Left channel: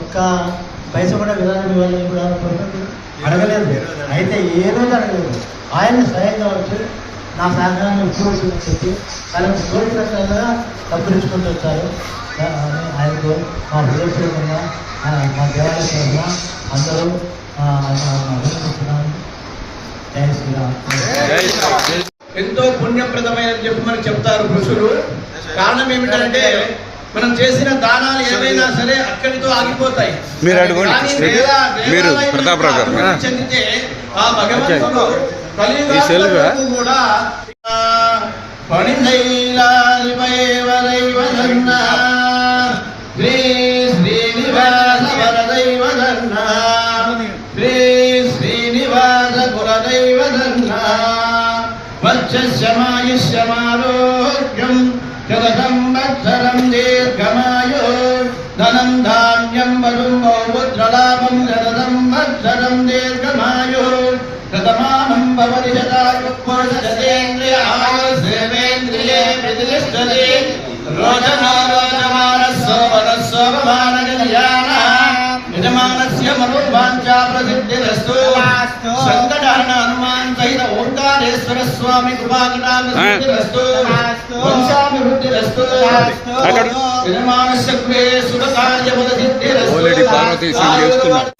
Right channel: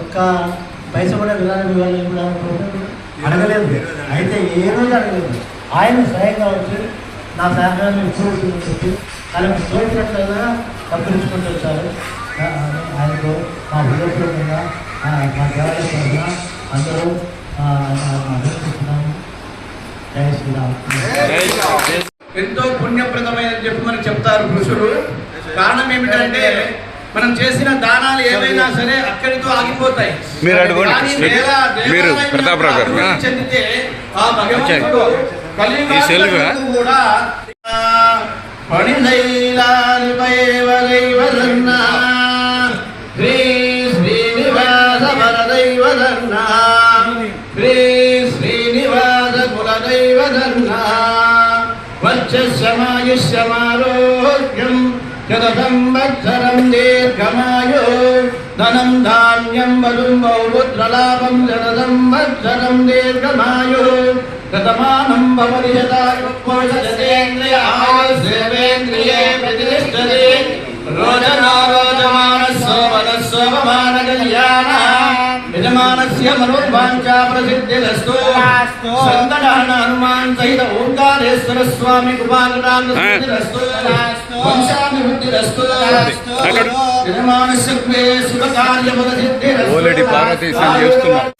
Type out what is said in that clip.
ఒక్క పైసా కూడా విధానం ఇవ్వాలని కూడా అడగలేదు. అయితే ఏ రోజు అడగలేదు. ఆయన స్వయంగా వచ్చి నా సహకారాన్ని ఇప్పుడు చెప్పి ఆయనకు తోచినట్లయినా పక్కరించుకుంటూ వచ్చారు. ఆయనకు మా విలేజ్లో మా దేవాలయంలో అందరూ అభినందిస్తున్నాము. జై శ్రీరామ్. ఎంతో పుణ్యప్రదమైన చెప్పి మనకు చెప్తారు పురుషులు. కారణం ఏమిటంటే మనం చేసిన దానాలు ఏవైనా సరే అక్కడితో ఆగిపోతాయి. మీరు ప్రతాపరావు గారు చెందితే ఆ భగవంతుడు కలియుగం కూడా శ్రీ శ్రీనివాస వరదైవదన్న శ్రీ శ్రీనివాస కులదైవదన్న వక్షమాయుష్యమారోగ్యం శతసంవత్సరం దీర్ఘమాయో ధనం ధాన్యం వధుం బహుపుత్రలాభం శతసంవత్సరం దీర్ఘమాయో శతమానం భవతి శతాయుః సేవేంద్రియే ప్రతిష్టతే రోచనారోచమానస్సోమనస్సోమమాన కళ్యాణ యజమానస్య మనోవాంఛా ప్రసిద్ధిరస్తు. సంకటహరణ హనుమాన్ సహిత ఓంకారేశ్వర స్వామి కృపాకటాక్షరస్తు. వంశాభివృద్ధిరస్తు. యజమానస్య సుఖ కార్యపద సిద్ధిరస్తు. పార్వతీ చేస్తున్నారు.